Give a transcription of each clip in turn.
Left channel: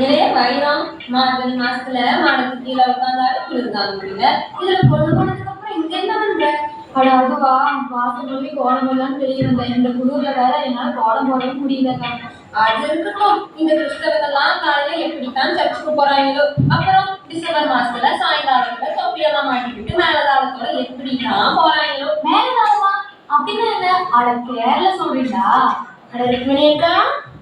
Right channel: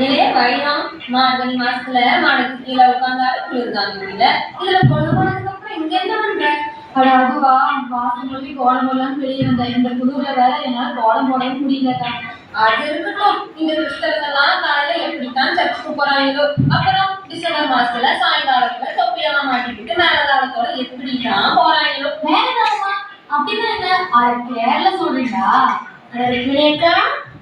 நிறைய வழிதான். மார்கழி மாசத்துல மாடத்துக்கு கீழே உட்காந்தாலும் குளிர்தான் முடியல. இதுல பொழுது போனதுக்கு அப்புறம் இங்க என்ன பண்ற? அட அதுவா, வாசம் போய் கோலம் போடலான்னு வெளியிருந்தேன். இந்த குளிர்ல வேற என்னால கோலம் போடவே முடியலக்கா. அது இருக்கட்டும். இந்த கிறிஸ்தவங்கெல்லாம் காலையில எப்படித்தான் சர்ச்சுக்கு போறாங்களோ. அப்புறம் டிசம்பர் மாசத்துல சாயங்காலத்துல தொப்பியெல்லாம் மாட்டிக்கிட்டு மேலதாளத்தோட எப்படித்தான் போறாங்களோ. மேலதாளமா? அப்படின்னா என்ன? அட கேரள சொல்றீங்களா? அட ருக்மிணியக்கா,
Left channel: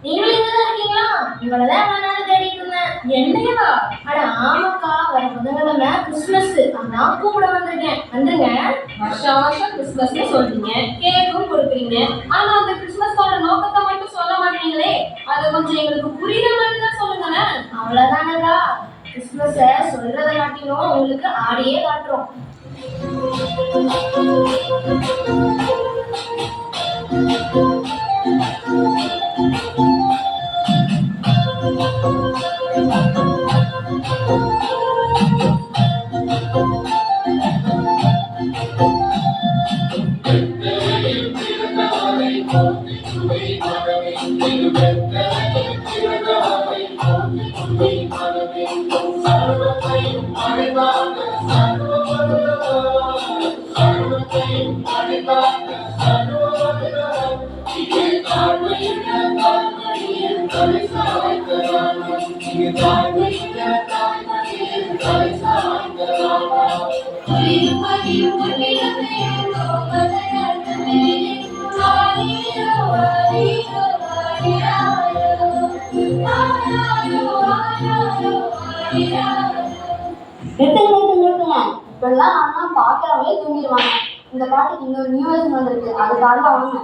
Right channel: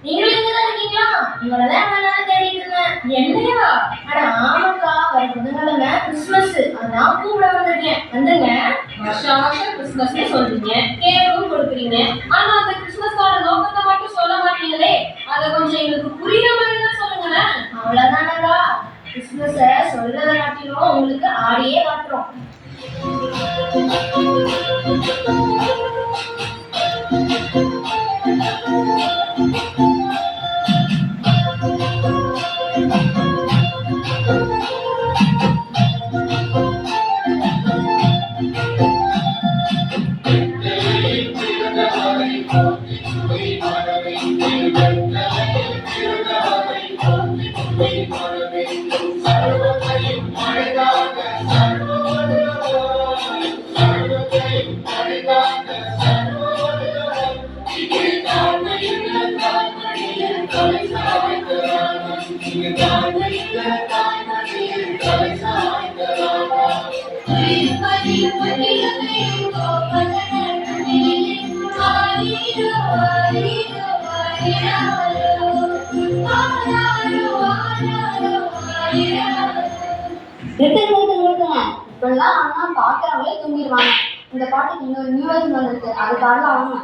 நீங்களும் இங்கதான் இருக்கீங்களா? இவனதான் எவ்வளவு நேரம் தேடிட்டு இருந்தேன். என்னையா? அட ஆமாக்கா, வர புதன்கிழமை கிறிஸ்துமஸ், அதான் கூப்பிட வந்திருக்கேன். வந்துருங்க. வருஷம் வருஷம் கிறிஸ்துமஸ்னு சொல்றீங்க, கேக்கும் கொடுக்குறீங்க. ஆனா அந்த கிறிஸ்துமஸோட நோக்கத்தை மட்டும் சொல்ல மாட்டீங்களே. அதை கொஞ்சம் எங்களுக்கு புரியுற மாதிரி தான் சொல்லுங்களேன். அவ்வளவுதானக்கா, கிறிஸ்துமஸ சொல்றத காட்டிலும் உங்களுக்கு ஆடியே காட்டுறோம். இப்பெல்லாம் ஆனா பாக்குறவங்களே தூங்கிடுவாங்க. இந்த பாட்டுக்கு இன்னொரு நியூ வெர்ஷன் வந்திருக்கு, அதுக்காக அவங்க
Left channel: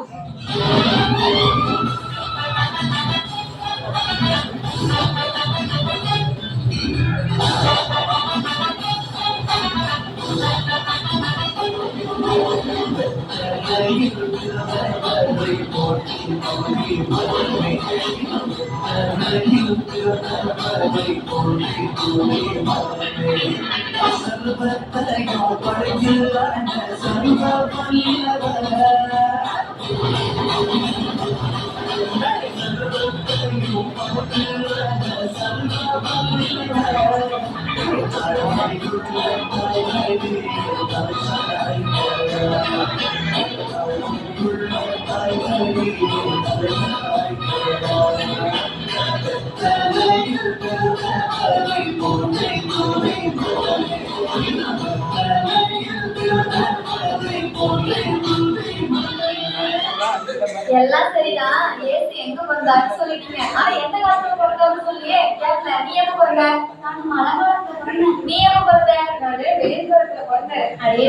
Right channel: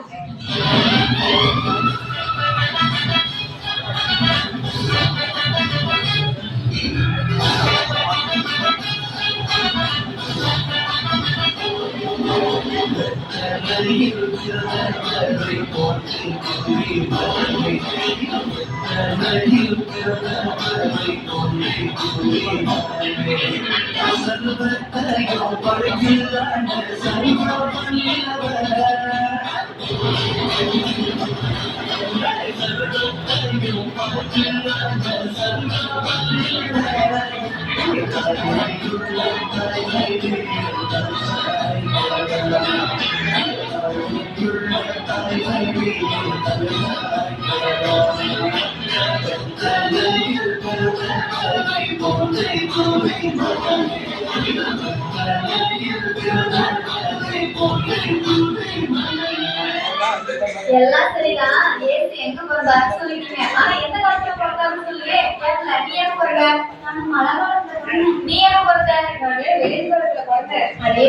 எல்லாம் சரிதான். ஏசு எங்க பிறந்தாருன்னு சொல்லிட்டீங்க, ஆனா எந்த காலத்துல பிறந்தாருன்னு சொல்லியே கேட்கல. நீ எப்ப பிறந்த? நான் மழை காலத்துல பிறந்தேன். நீ எப்ப பிறந்த? நான் வெயில் காலத்துல பிறந்தேன். அதே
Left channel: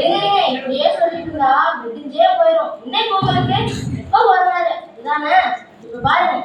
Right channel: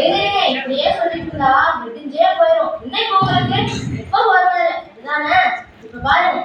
இப்படியே சொல்லிட்டு இருந்தா விடிஞ்சே போயிடும். இன்னைக்கு உங்களுக்கு எப்ப வருவாரு இதுதானே? இப்ப பாருங்க.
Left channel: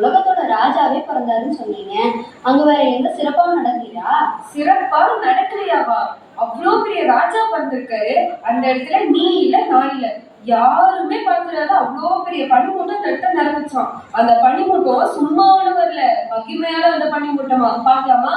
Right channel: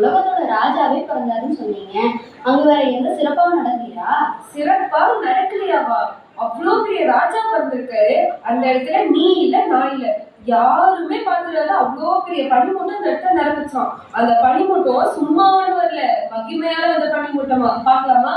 உலகத்தோட ராஜாவே பிறந்தாருன்னு சொன்னீங்க, அங்க வேற எந்த சிறப்பாவும் நடக்கலையா? சிறப்பா நடக்கலையாவா? அவ்வளோ பெரிய ராஜா பிறந்திருக்காரு. அந்த இடத்துல நீ இல்ல, நான் இல்ல, யாருமே பார்த்துடாத அவ்வளோ பெரிய பனிமூட்டம் அந்த இடத்துல நடந்துச்சான். அந்த பனிமூட்டம் சும்மாவோட வரல, மகிமையால அந்த பனிமூட்டமா. பார்க்கலாமா?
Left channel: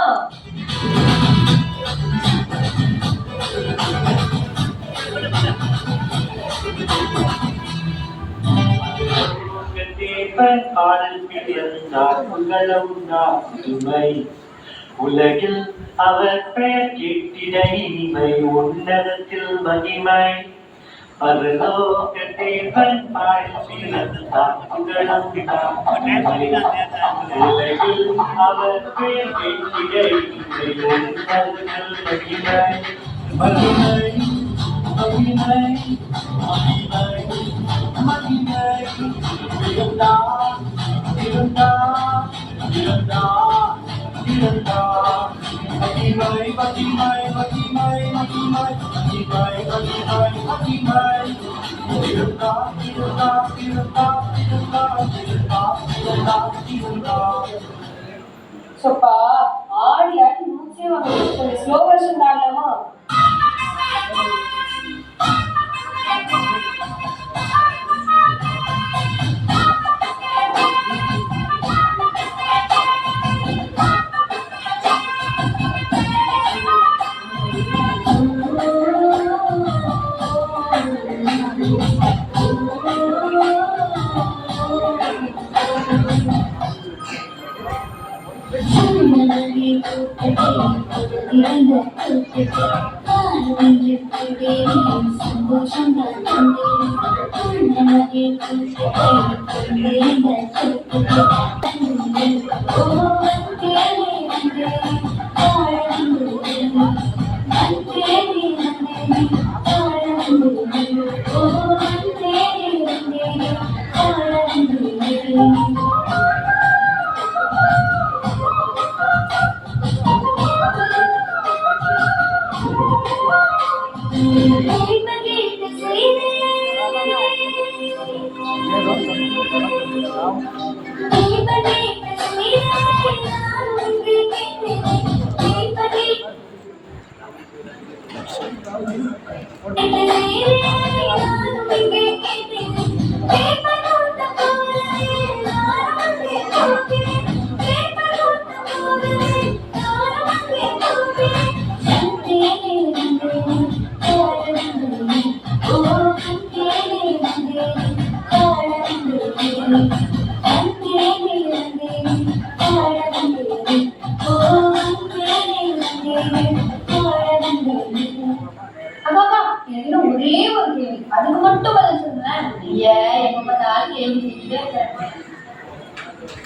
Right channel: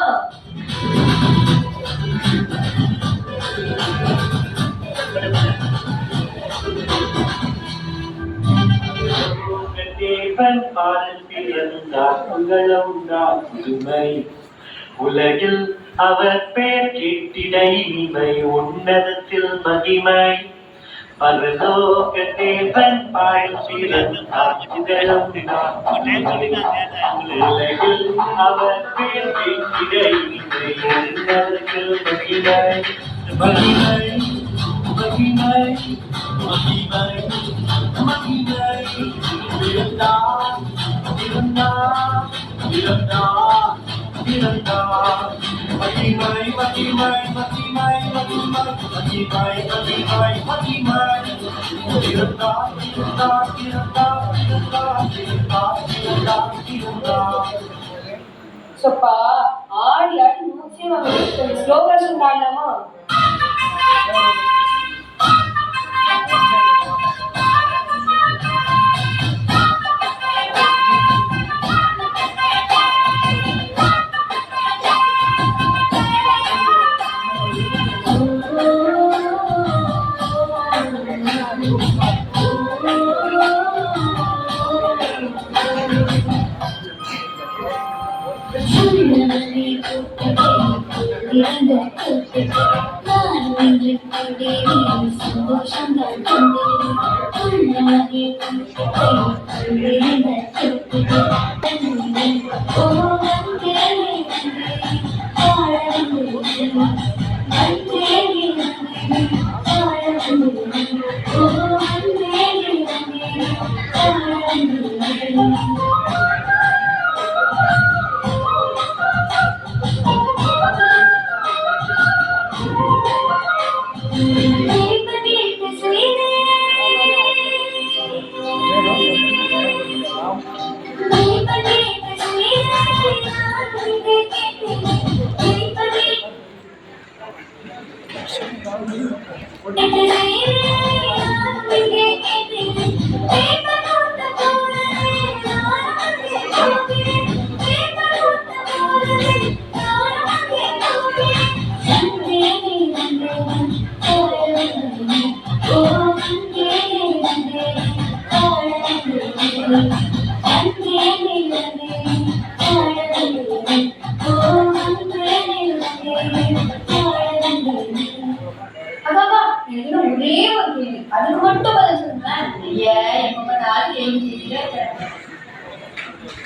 உலகில் அவர் பெயர் கேட்டிட இனிமை, உன்னதத்தில் மகிமை. பரலோக தேவன் பாடும் பிறந்தார், உலகில் அவர் பெயர் கேட்டிட இனிமை, உன்னதத்தில் மகிமை. மகிமை மகிமை மகிமை மகிமை இருந்தார் இருந்தார் இருந்தார் இருந்தார் மகிமை மகிமை மகிமை மகிமை மகிமை மகிமை மகிமை இருந்தார் இருந்தார் இருந்தார் இருந்தார் இருந்தார் இருந்தார் இருந்தார். சொப்பா ஆடி ஆடி மூச்சே வாங்குது. கொஞ்சம் ஸ்லோ வெர்ஷன் பாடலாமா? ஒரே ஒரு கேள்வி, அதுக்கு மட்டும் பதில் சொல்லுங்களேன். ஏன் எப்ப பார்த்தாலும் கேள்வி கேட்டுட்டே இருக்க.